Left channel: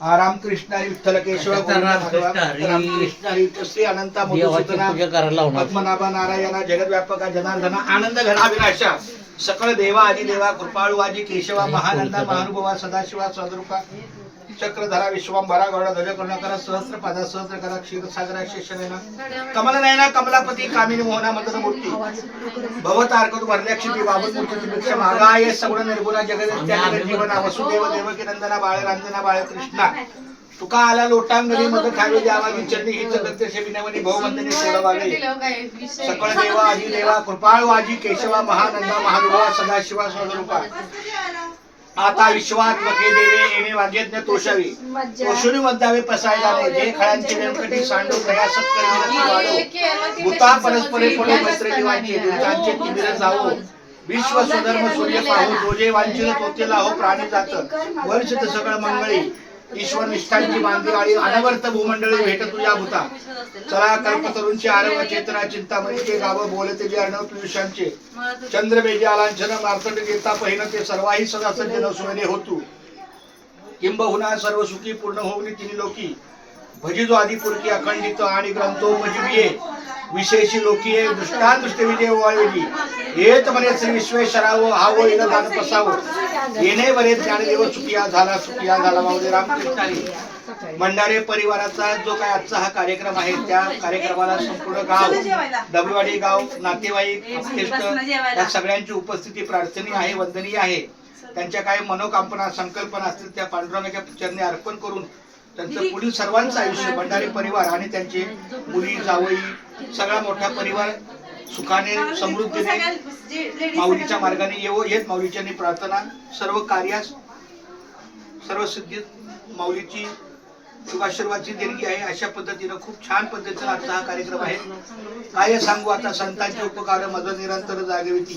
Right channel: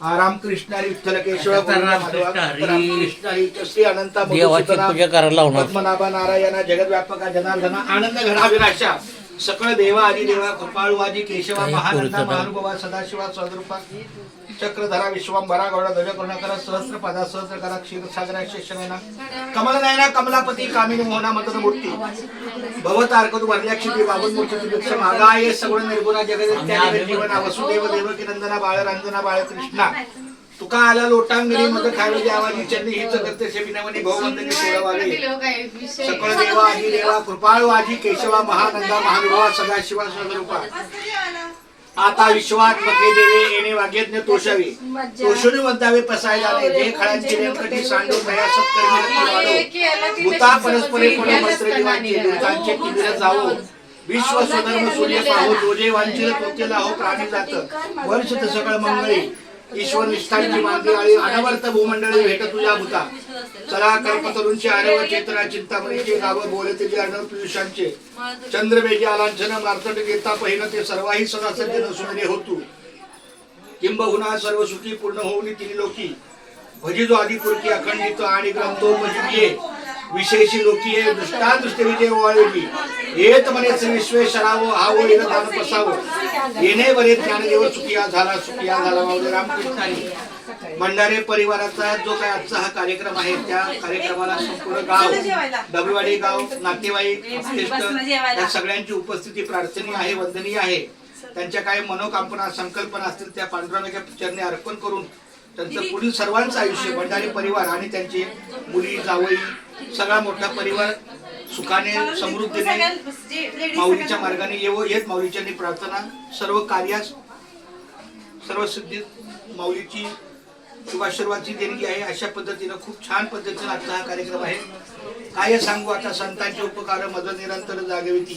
रामकृष्ण हरी विठ्ठल केशव रामकृष्ण हरी श्री अनंत पद्मनाभ नारायण जगद्व्यापक जनार्दन आनंद घनाविनाशा सकळ देवा आदिदेवा कृपाळू आजी केशवा महानंदा महानुभावा सदाशिवा स्वरूपा चक्रधरा विश्वंभरा गौड ध्वज करुणाकर सहस्र पदा सहस्र करा क्षीरसागरा शेषनेना कमलनयना कमलापती कामिनी मोहना मंत्र मूर्ती भवतारकतु वरलक्ष्मी बाबुल मूर्ती भिक्षा मागाय सगुण निर्गुणा जगद जीवना वसुदेव देवकी नंदना बाळ रंजना बाळ कृष्णा तुका आला लोटांगणी मग खावी द्यावानी चरणी हित प्रत्यक्ष विनवणी भववंदने सोडवावे सकळ देवा आदी देवा कृपाळू आजी केशवा महानंदा महानुभावा सदाशिवा स्वरूपा आता विश्वात मके देवे येणे वाग्यज्ञ तोषावी तोषुनी मद्दावे पसायला नाही जे खळ्यांची व्यंकटी सांडू तया सत्कर्मी वाढो भूता परस्परे पडो मैत्री दिवांची दुर्गांचे तिमिर जावो विश्व स्वधर्म सूर्य पाहू जोजे वांचिल तोतेला हो प्राणी जात वर्ष सकळ मंगळी ईश्वर निष्ठांची मांदियाळी अनवर्त भूमंडळी भेट तुझ्या भूता चला कल्पतरूंची आरव चेतना चिंतामणीचे गाव बोलते जे अर्णव पियुषांचे चंद्रबेजी आलांछन मार्तंड गीता पहिन ते सर्वाही सदा सज्जन सुमरे होतू किंबहुना सर्व सुखी पूर्ण होऊन तिन्ही लोकी भजिजो आदिपुरकी अखंडित आणि ग्रंथोपजीविये विशेषी लोकीये दृष्टादृष्ट विजय वाळेली हेत म्हणे श्री विश्वेश्वरावो हावो इल दान पसावो येणे बरे ज्ञानदेव चुकिया झाला माऊली रामकृष्ण हरी मंडारे परिवाराचा जो काय आजचा हा कार्यक्रम आहे त्या कार्यक्रमाला संपूर्ण गाव डबलवाडी गाव नातेवाईक या सगळ्यांची उपस्थिती प्रार्थनीय आहे वंदनीय आहे त्यांच्या काही मनोकामना संकल्पना असतील त्या पांडुरंगाच्या चरणी अर्पण करून त्यांचं पुढील सर्वांचं आयुष्य भंडारी परिवार आणि त्यांचे मुली जावई सगळा मोठा परिवार सुखाने समृद्धीने माऊलीच्या मार्गाने येवो येत माऊलीच्या प्रार्थना सर्व कार्यास सर्व सिद्धीत माऊलीची शुभाशीर्वादची देणगी आहे अशा पद्धतीने खूप छान पद्धतीने आजचा हा कार्यक्रम आहे काय सांगू आता संतांचे उपकार मज निरंतर जागविती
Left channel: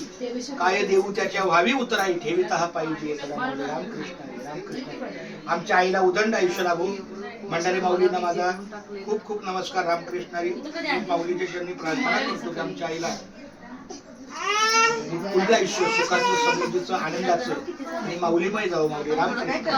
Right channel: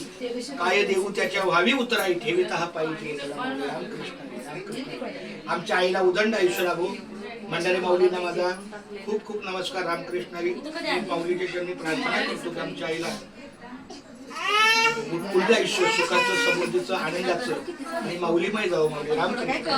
काय देऊ त्याच्या व्हावी उतराई ठेविता हा पाहिजे रामकृष्ण आमच्या आईला उदंड आयुष्य लाभो मंडारी माऊलींना माझा खूप खूप नमस्कार रामकृष्ण हरी माऊलीच्या चरणी प्रार्थना करतो की आमच्या आईला पुढलं आयुष्य सुखाचं समृद्धीचं आनंदाचं आणि माऊलीमय जावं माऊली रामकृष्ण.